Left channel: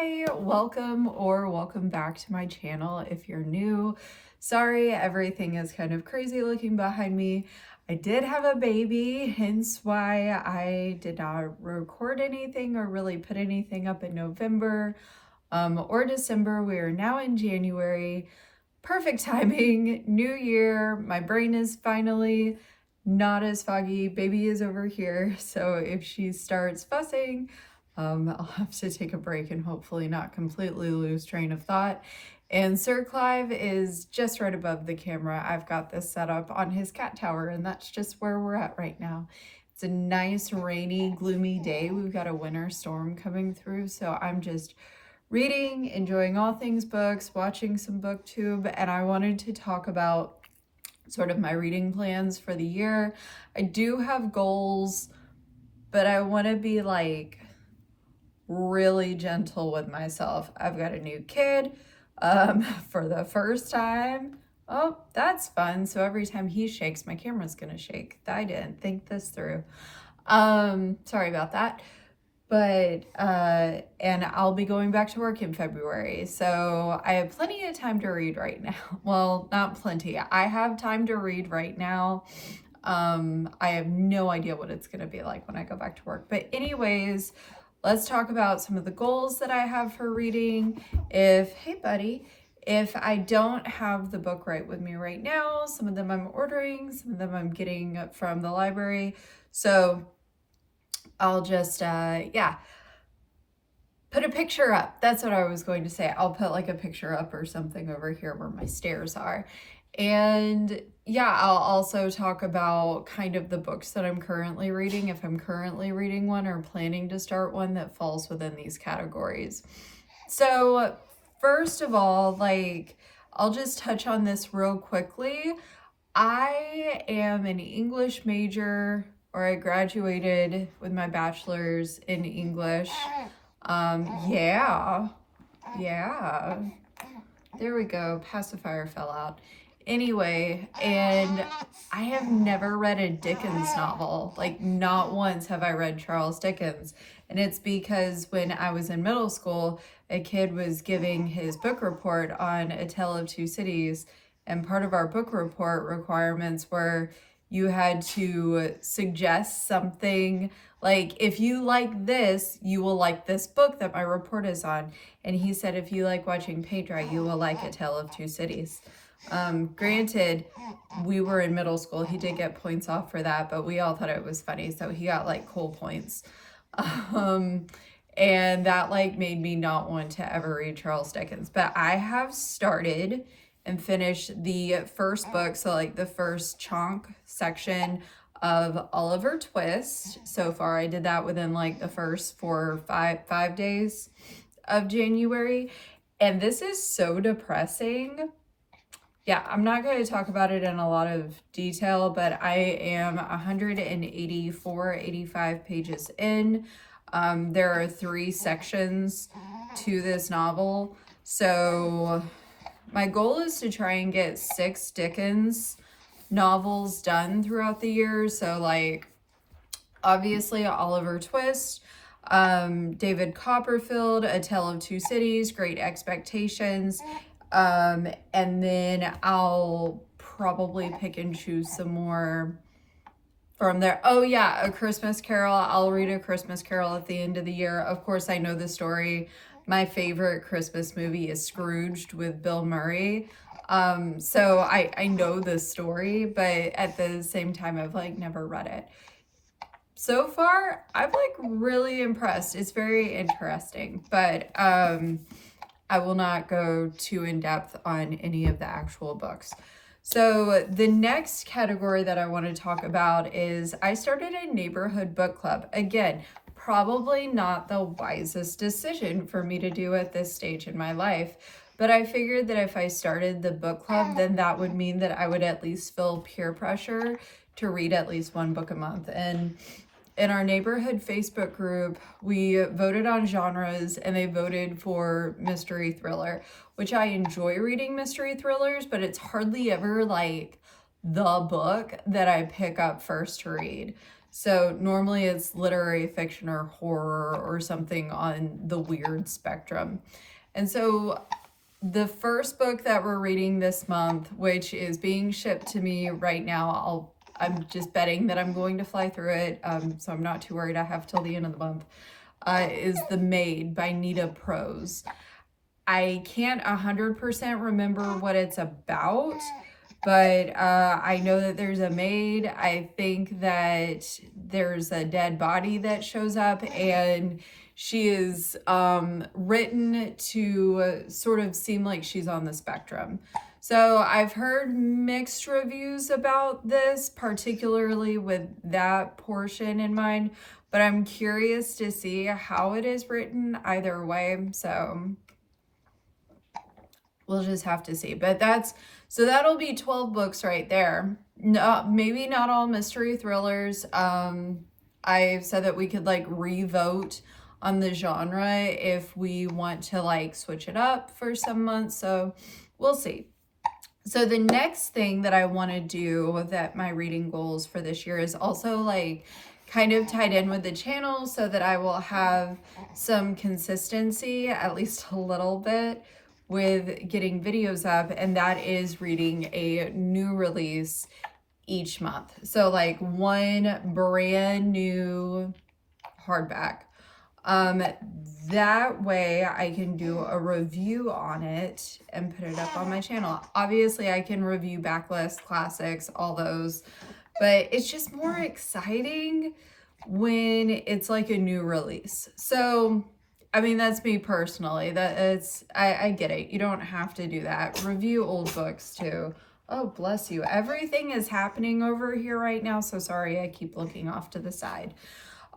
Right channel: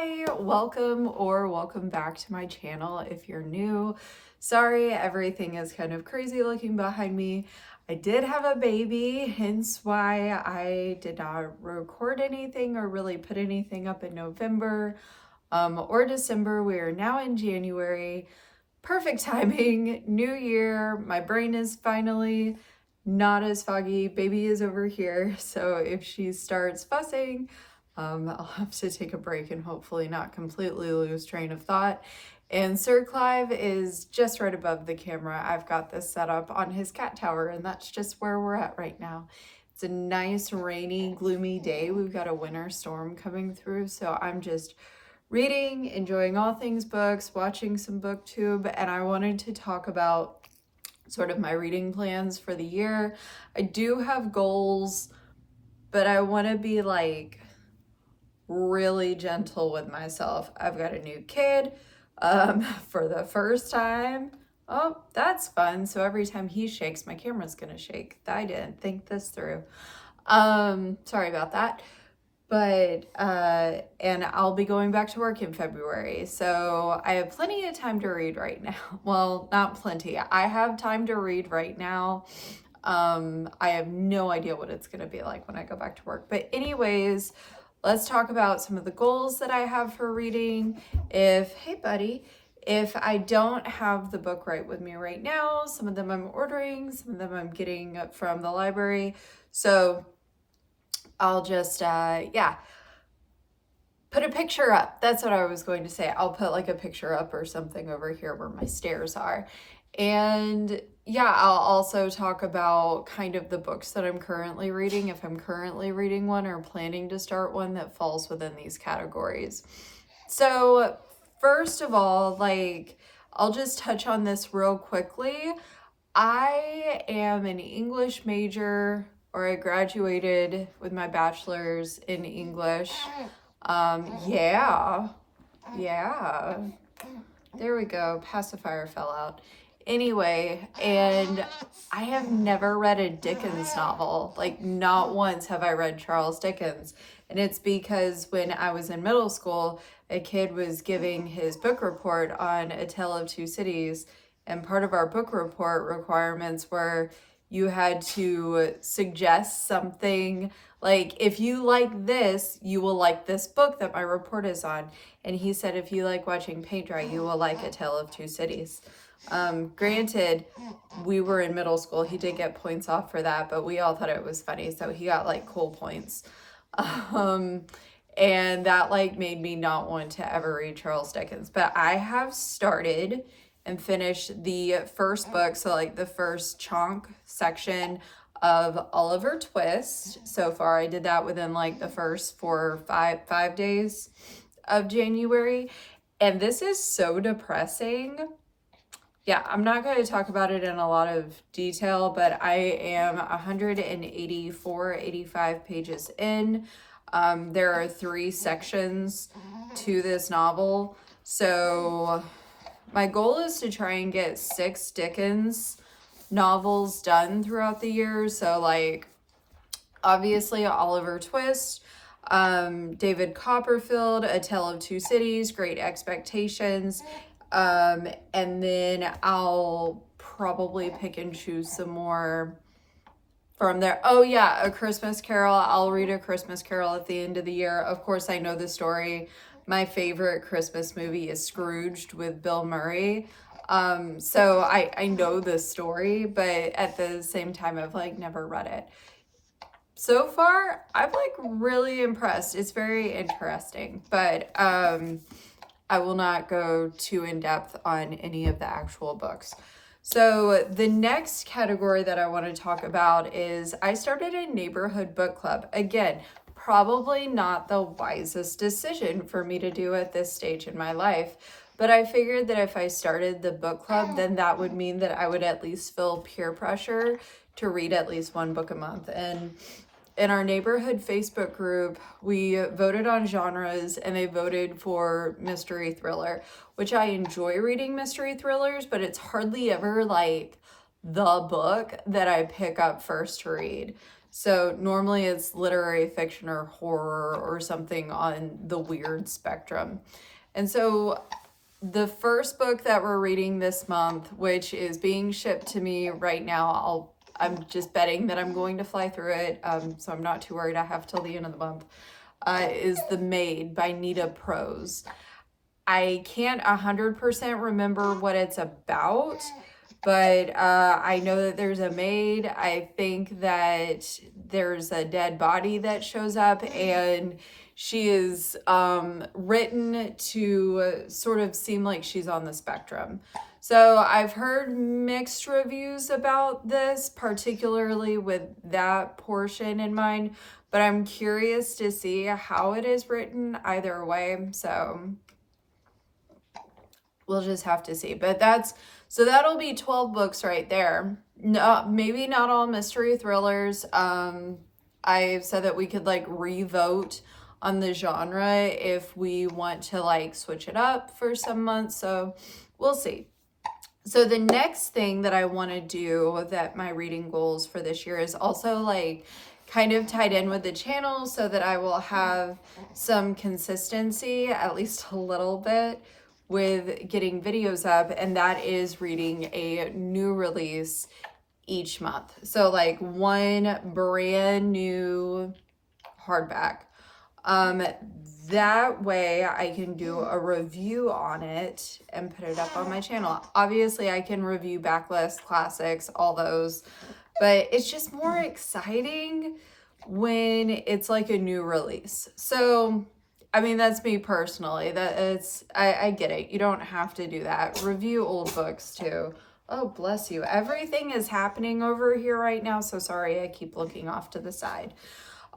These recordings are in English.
Hi, welcome back to my channel if you're new. Sorry, everything is kind of crazy looking behind me. I did have a baby, hence why I did not record anything or really put anything up in November or December. We are now in January. Perfect timing, new year. My brain is finally not as foggy. Baby is over here, so if she starts fussing, I'll have to take a break and hopefully not completely lose train of thought. And Sir Clive is just right above the camera. I've got this set up on his cat tower, and that's just where we're at right now. It's a nice, rainy, gloomy day. We've got a winter storm coming through, so I'm just reading, enjoying all things books, watching some booktube, and I wanted to talk about sort of my reading plans for the year. I do have goals, but I want to be like really gentle with myself. I've got a new kid for the first time. Oh, that's fun. So every time he shakes, my camera's gonna shake. I didn't think this through. Sorry about that. But and I'll be going back to work in February, so I have plenty of time to read right now. Well, not plenty. I have time to read right now. I have no idea what it's gonna be like when I go back to work. But anyways, let's talk about some of the goals that I have for reading. Hey buddy, if I don't have the book right with me right now, some of them I'm ordering, some of them I'm getting from the library. So I'll just, put a picture up. That's what I was going to say. I'll put like a picture up or something over here where my stairs are. And yeah, I'll also talk about kind of the books that I'm currently reading, if I'm currently reading one or planning to start one that falls within these categories. So first of all, I'll just touch on this real quickly. I am an English major, or I graduated with my bachelor's in English. Yeah. There we go. Pacifier fell out. Anyway, and I have never read a Dickens novel. Like, not once have I read Charles Dickens. And it's because when I was in middle school, a kid was giving his book report on A Tale of Two Cities. And part of our book report requirements were you had to suggest something like, if you like this, you will like this book that my report is on. And he said, if you like watching paint dry, you will like A Tale of Two Cities. Granted, we were in middle school. He did get points off for that, but we all thought it was funny. So he got like cool points. And that made me not want to ever read Charles Dickens. But I have started and finished the first book, so like the first chunk section of Oliver Twist. So far, I did that within like the first 4 or 5 days of January. And this is so depressing. Yeah, I'm not going to talk about it in a lot of detail, but I am 184, 85 pages in. There are 3 sections to this novel. So my goal is to try and get 6 Dickens novels done throughout the year. So like, obviously Oliver Twist, David Copperfield, A Tale of Two Cities, Great Expectations, and then I'll probably pick and choose some more from there. Oh yeah, A Christmas Carol. I'll read A Christmas Carol at the end of the year. Of course, I know the story. My favorite Christmas movie is Scrooged with Bill Murray. So I know the story, but at the same time, I've never read it. So far, I'm really impressed. It's very interesting, but I will not go too in depth on any of the actual books. So the next category that I want to talk about is I started a neighborhood book club. Again, probably not the wisest decision for me to do at this stage in my life, but I figured that if I started the book club, then that would mean that I would at least feel peer pressure to read at least 1 book a month. And in our neighborhood Facebook group, we voted on genres, and they voted for mystery thriller, which I enjoy reading mystery thrillers, but it's hardly ever the book that I pick up first to read. So normally it's literary fiction or horror or something on the weird spectrum. And so the first book that we're reading this month, which is being shipped to me right now, I'm just betting that I'm going to fly through it, so I'm not too worried. I have till the end of the month, is The Maid by Nita Prose. I can't 100% remember what it's about, but I know that there's a maid. I think that there's a dead body that shows up, and she is written to sort of seem like she's on the spectrum. So I've heard mixed reviews about this, particularly with that portion in mind, but I'm curious to see how it is written either way. So we'll just have to see. But so that'll be 12 books right there. No, maybe not all mystery thrillers. I've said that we could like revote on the genre if we want to like switch it up for some months. So we'll see. So the next thing that I want to do, that my reading goals for this year, is also like kind of tied in with the channel so that I will have some consistency, at least a little bit, with getting videos up, and that is reading a new release each month. So like one brand new hardback. That way I can do a review on it and put it up on my channel. Obviously I can review backlist classics, all those, but it's just more exciting when it's like a new release. So I mean, that's me personally. I get it. You don't have to do that. Review old books too. Oh, bless you. Everything is happening over here right now. So sorry, I keep looking off to the side.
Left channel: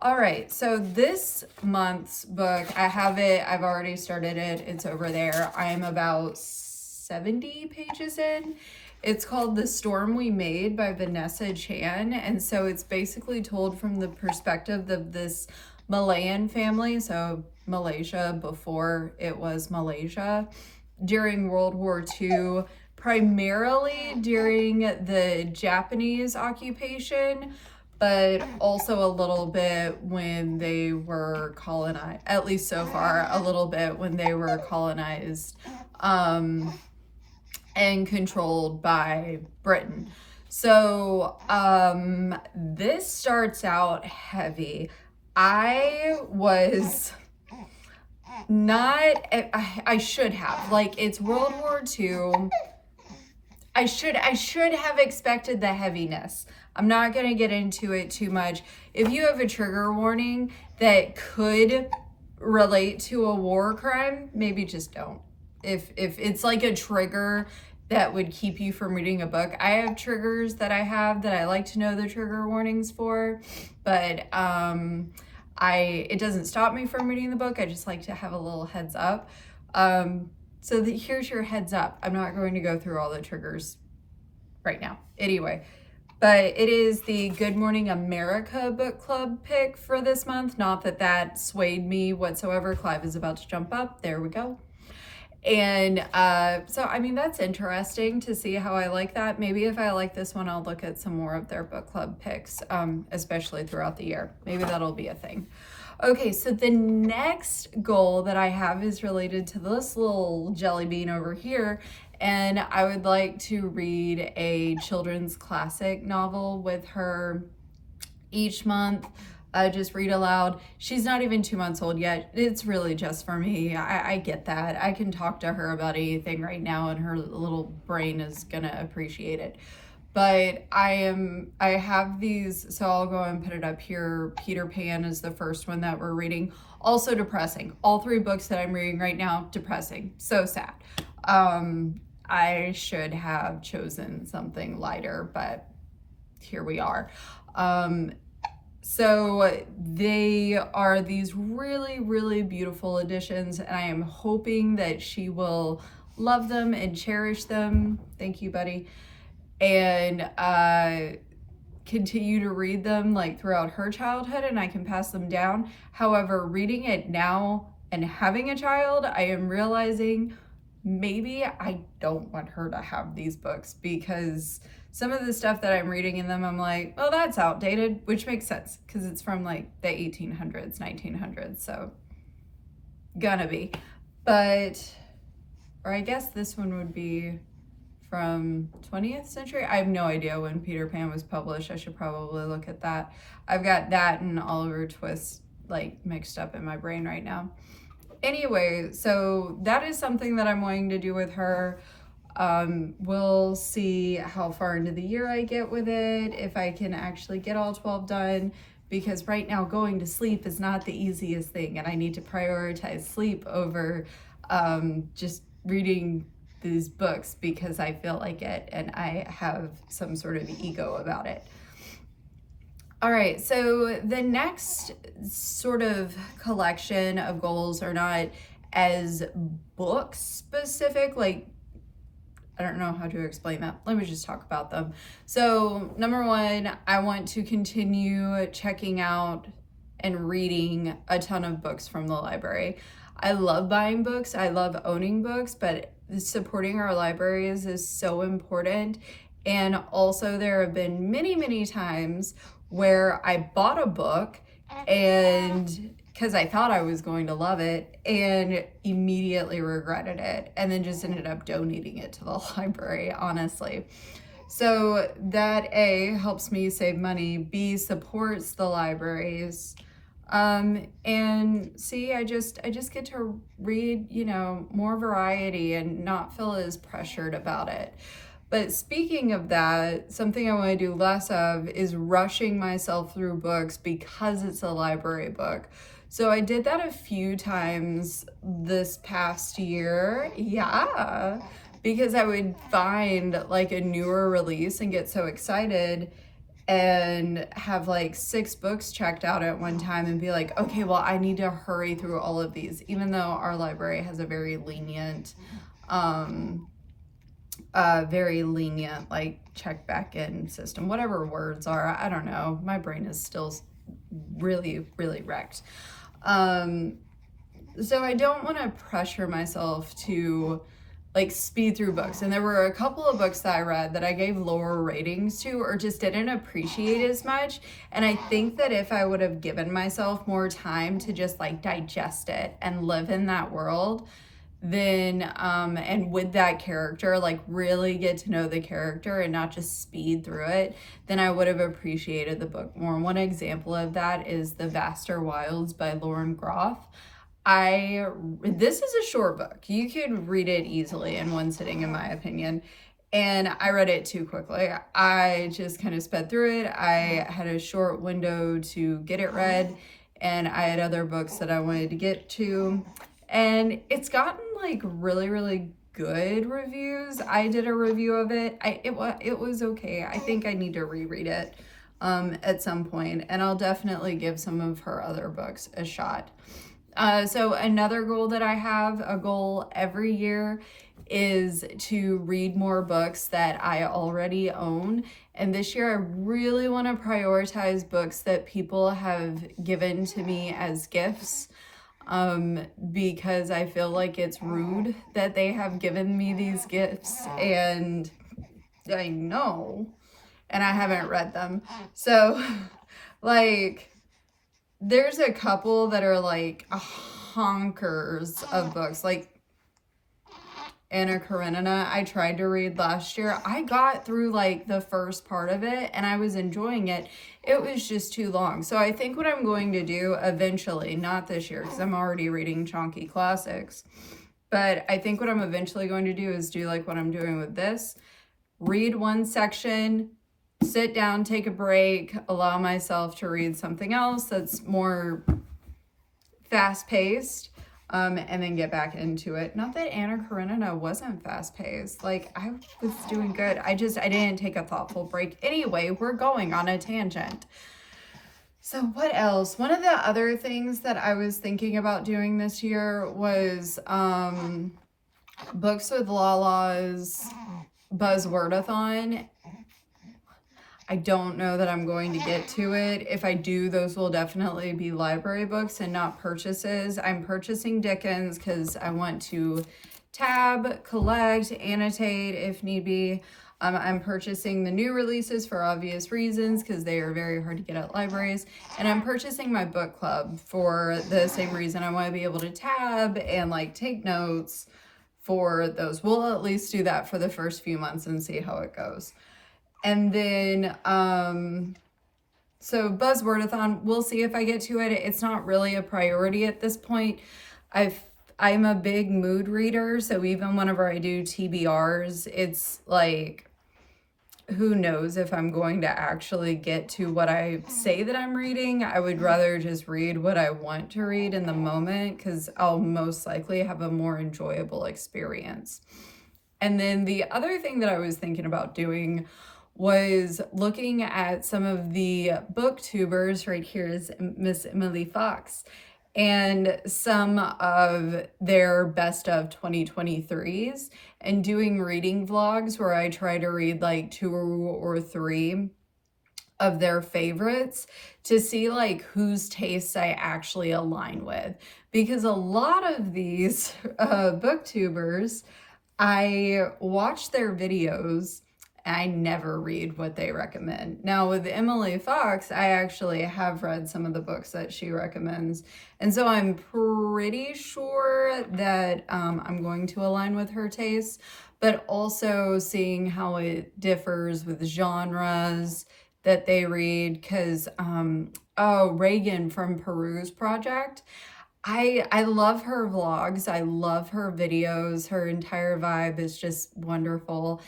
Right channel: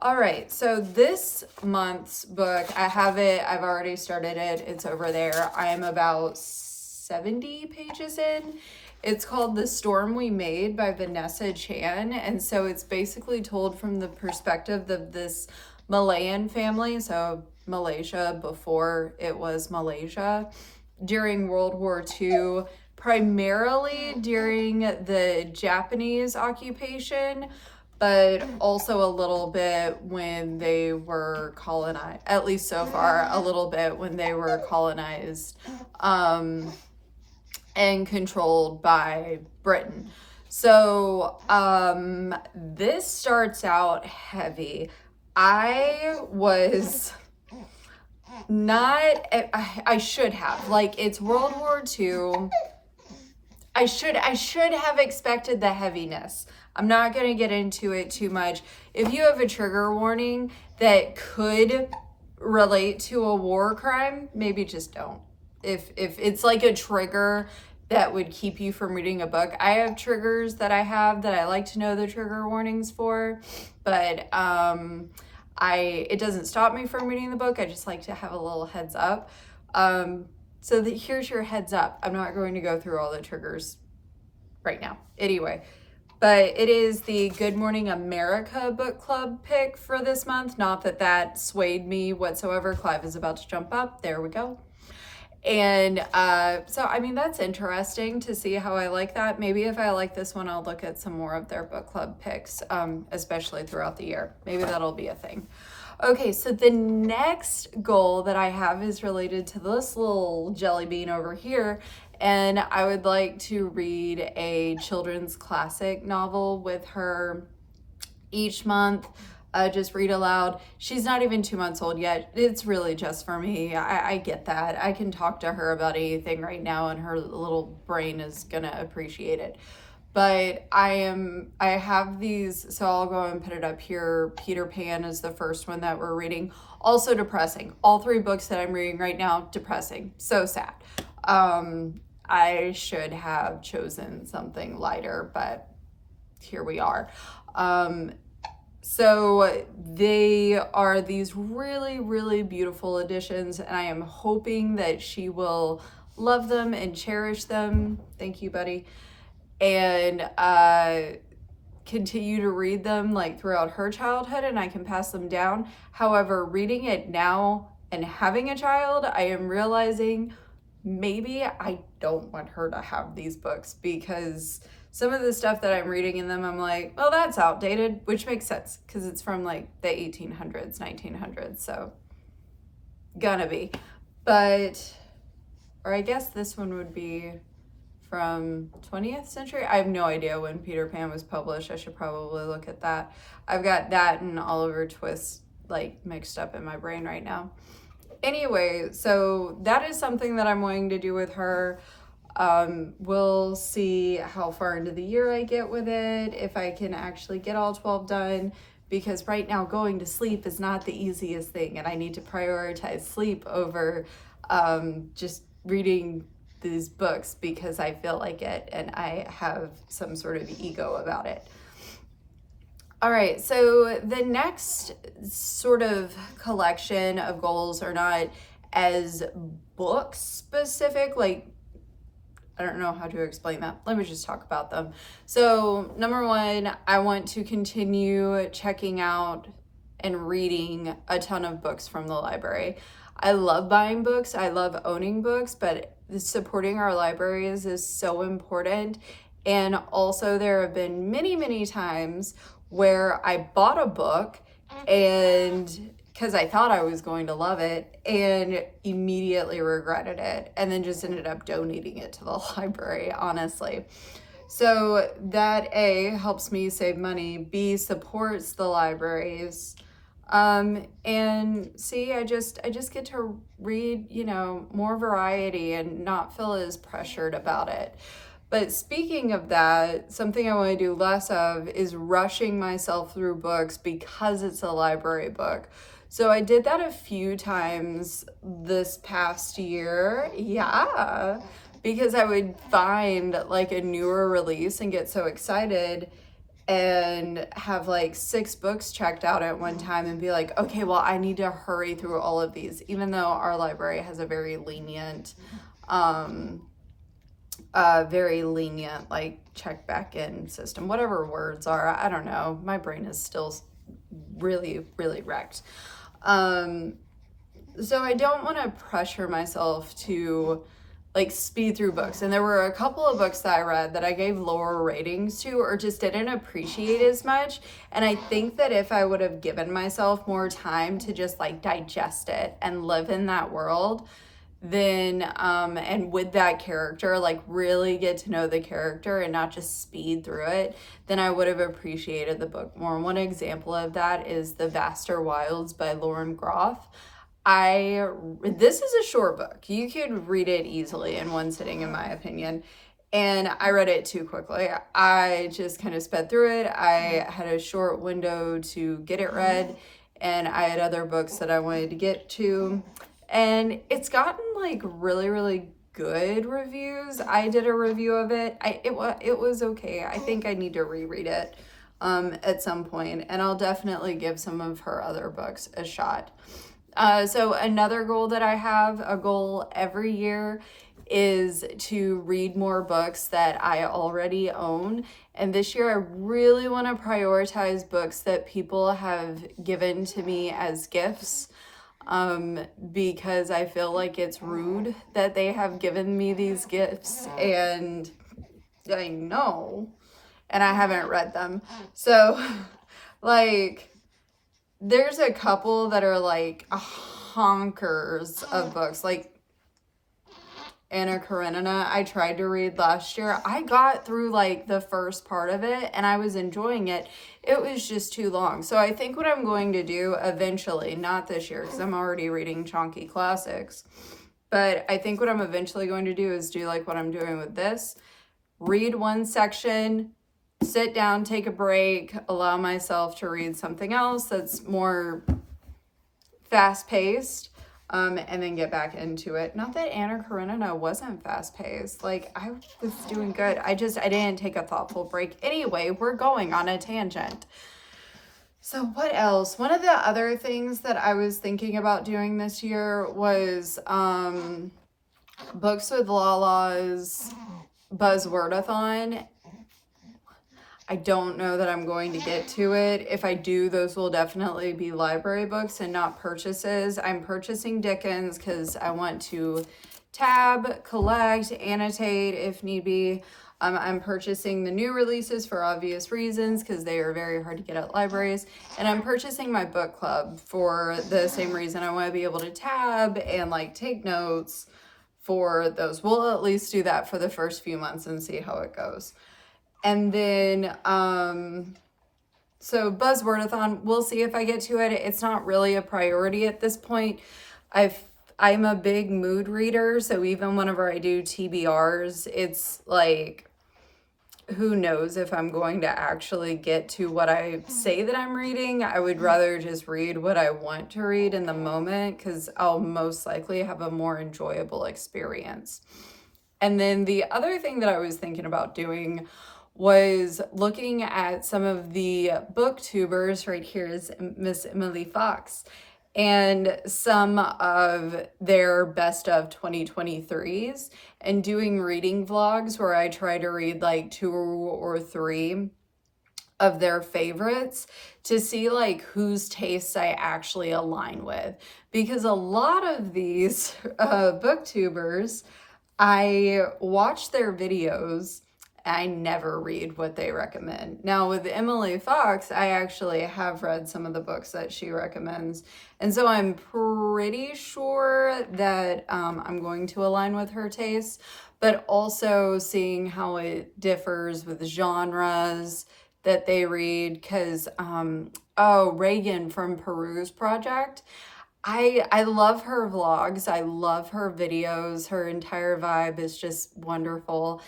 All right, so this month's book, I have it. I've already started it. It's over there. I am about 70 pages in. It's called The Storm We Made by Vanessa Chan. And so it's basically told from the perspective of this Malayan family, so Malaysia before it was Malaysia, during World War II, primarily during the Japanese occupation, but also a little bit when they were colonized, at least so far, a little bit when they were colonized and controlled by Britain. So this starts out heavy. I was not, I should have, like, it's World War II. I should have expected the heaviness. I'm not going to get into it too much. If you have a trigger warning that could relate to a war crime, maybe just don't. If it's like a trigger that would keep you from reading a book. I have triggers that I have that I like to know the trigger warnings for, but it doesn't stop me from reading the book. I just like to have a little heads up. So here's your heads up. I'm not going to go through all the triggers right now. Anyway, but it is the Good Morning America book club pick for this month. Not that that swayed me whatsoever. Clive is about to jump up. There we go. And so, I mean, that's interesting to see how I like that. Maybe if I like this one, I'll look at some more of their book club picks, especially throughout the year. Maybe that'll be a thing. Okay, so the next goal that I have is related to this little jelly bean over here. And I would like to read a children's classic novel with her each month. Just read aloud. She's not even 2 months old yet. It's really just for me. I get that. I can talk to her about anything right now and her little brain is gonna appreciate it. But I have these, so I'll go and put it up here. Peter Pan is the first one that we're reading. Also depressing. All 3 books that I'm reading right now, depressing. So sad. I should have chosen something lighter, but here we are. So they are these really, really beautiful editions, and I am hoping that she will love them and cherish them. Thank you, buddy. And continue to read them like throughout her childhood, and I can pass them down. However, reading it now and having a child, I am realizing maybe I don't want her to have these books, because some of the stuff that I'm reading in them, I'm like, well, that's outdated, which makes sense because it's from like the 1800s, 1900s. So gonna be. But, or I guess this one would be from 20th century. I have no idea when Peter Pan was published. I should probably look at that. I've got that and Oliver Twist like mixed up in my brain right now. Anyway, so that is something that I'm wanting to do with her. We'll see how far into the year I get with it, if I can actually get all 12 done, because right now going to sleep is not the easiest thing, and I need to prioritize sleep over just reading these books because I feel like it and I have some sort of ego about it. All right, so the next sort of collection of goals are not as book specific, like, I don't know how to explain that. Let me just talk about them. So number one, I want to continue checking out and reading a ton of books from the library. I love buying books, I love owning books, but supporting our libraries is so important. And also there have been many, many times where I bought a book and because I thought I was going to love it and immediately regretted it and then just ended up donating it to the library, honestly. So that A, helps me save money, B, supports the libraries, and C, I just get to read, you know, more variety and not feel as pressured about it. But speaking of that, something I want to do less of is rushing myself through books because it's a library book. So I did that a few times this past year. Yeah, because I would find like a newer release and get so excited and have like 6 books checked out at one time and be like, okay, well, I need to hurry through all of these, even though our library has a very lenient like check back in system, whatever words are. I don't know. My brain is still really, really wrecked. So I don't want to pressure myself to like speed through books. And there were a couple of books that I read that I gave lower ratings to or just didn't appreciate as much. And I think that if I would have given myself more time to just like digest it and live in that world, then and with that character, like really get to know the character and not just speed through it, then I would have appreciated the book more. One example of that is The Vaster Wilds by Lauren Groff. This is a short book. You could read it easily in one sitting, in my opinion. And I read it too quickly. I just kind of sped through it. I had a short window to get it read, and I had other books that I wanted to get to. And it's gotten like really, really good reviews. I did a review of it. It was okay. I think I need to reread it at some point, and I'll definitely give some of her other books a shot. So another goal that I have, a goal every year, is to read more books that I already own. And this year I really want to prioritize books that people have given to me as gifts, because I feel like it's rude that they have given me these gifts and I know, and I haven't read them. So like there's a couple that are like honkers of books, like Anna Karenina. I tried to read last year. I got through like the first part of it and I was enjoying it. It was just too long. So I think what I'm going to do eventually, not this year because I'm already reading chunky classics, but I think what I'm eventually going to do is do like what I'm doing with this. Read one section, sit down, take a break, allow myself to read something else that's more fast-paced, and then get back into it. Not that Anna Karenina wasn't fast-paced. Like, I was doing good. I didn't take a thoughtful break. Anyway, we're going on a tangent. So what else? One of the other things that I was thinking about doing this year was Books with Lala's Buzzwordathon. I don't know that I'm going to get to it. If I do, those will definitely be library books and not purchases. I'm purchasing Dickens because I want to tab, collect, annotate if need be. I'm purchasing the new releases for obvious reasons because they are very hard to get at libraries. And I'm purchasing my book club for the same reason. I want to be able to tab and like take notes for those. We'll at least do that for the first few months and see how it goes. And then, so Buzzwordathon, we'll see if I get to it. It's not really a priority at this point. I'm a big mood reader, so even whenever I do TBRs, it's like, who knows if I'm going to actually get to what I say that I'm reading. I would rather just read what I want to read in the moment because I'll most likely have a more enjoyable experience. And then the other thing that I was thinking about doing was looking at some of the booktubers. Right here is Miss Emily Fox, and some of their best of 2023s, and doing reading vlogs where I try to read like 2 or 3 of their favorites to see like whose tastes I actually align with. Because a lot of these booktubers, I watch their videos, I never read what they recommend. Now with Emily Fox, I actually have read some of the books that she recommends. And so I'm pretty sure that I'm going to align with her tastes, but also seeing how it differs with genres that they read. Because, Reagan from Peru's Project, I love her vlogs. I love her videos. Her entire vibe is just wonderful.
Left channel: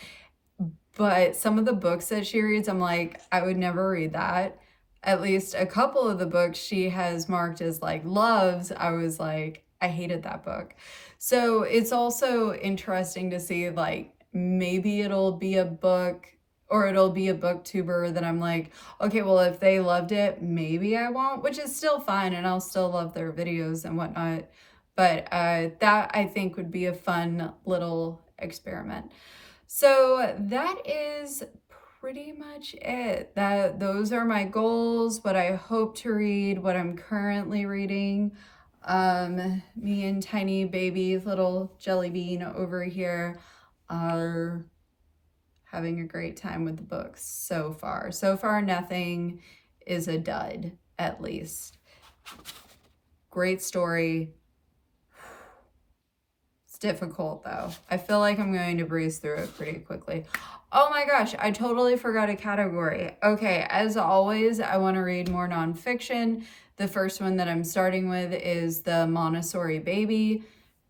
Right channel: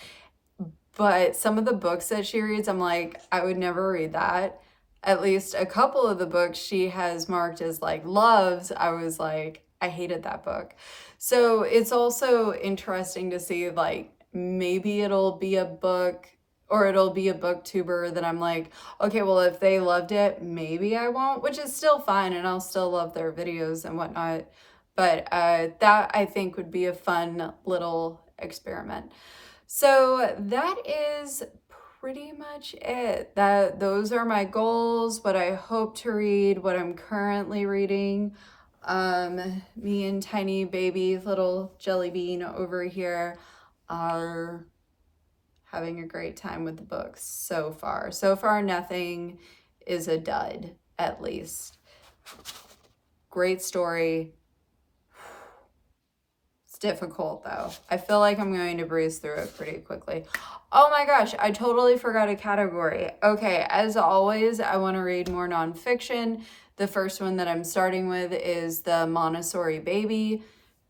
But some of the books that she reads, I'm like, I would never read that. At least a couple of the books she has marked as like loves, I was like, I hated that book. So it's also interesting to see like maybe it'll be a book or it'll be a booktuber that I'm like, okay, well, if they loved it, maybe I won't, which is still fine. And I'll still love their videos and whatnot. But that I think would be a fun little experiment. So that is pretty much it. Those are my goals, what I hope to read, what I'm currently reading. Me and tiny baby little jelly bean over here are having a great time with the books so far. So far, nothing is a dud, at least. Great story. Difficult though. I feel like I'm going to breeze through it pretty quickly. Oh my gosh, I totally forgot a category. Okay, as always, I want to read more nonfiction. The first one that I'm starting with is the Montessori Baby,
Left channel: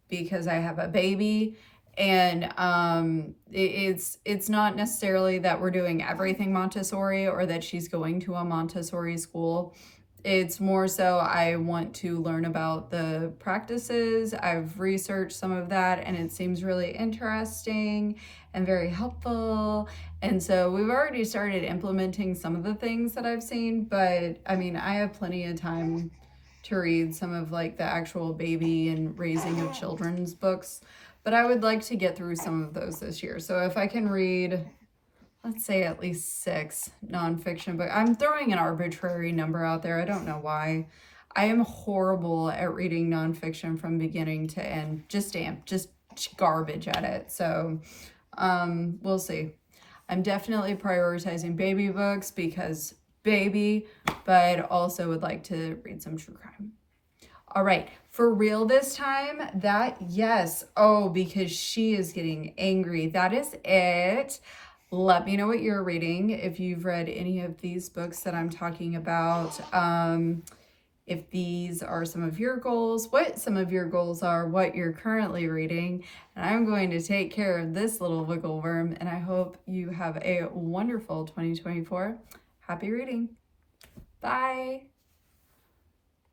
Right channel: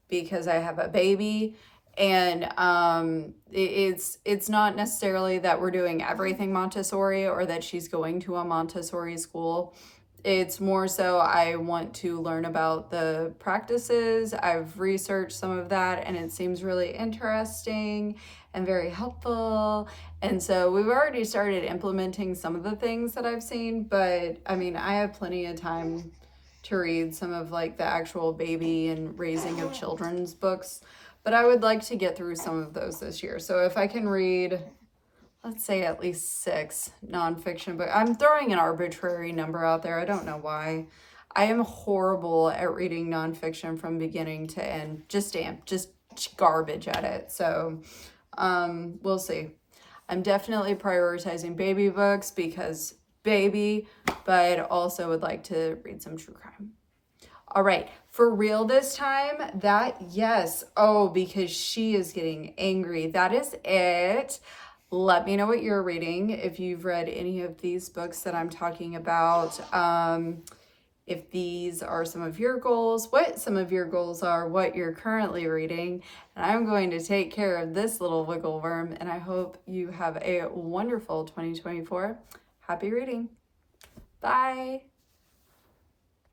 because I have a baby. And it's not necessarily that we're doing everything Montessori or that she's going to a Montessori school. It's more so I want to learn about the practices. I've researched some of that and it seems really interesting and very helpful. And so we've already started implementing some of the things that I've seen, but I mean, I have plenty of time to read some of like the actual baby and raising of children's books, but I would like to get through some of those this year. So if I can read, let's say at least 6 nonfiction books. I'm throwing an arbitrary number out there. I don't know why. I am horrible at reading nonfiction from beginning to end. Just garbage at it. So we'll see. I'm definitely prioritizing baby books because baby, but also would like to read some true crime. All right, for real this time, yes. Oh, because she is getting angry. That is it. Let me know what you're reading, if you've read any of these books that I'm talking about, if these are some of your goals, what some of your goals are, what you're currently reading. And I'm going to take care of this little wiggle worm, and I hope you have a wonderful 2024. Happy reading. Bye.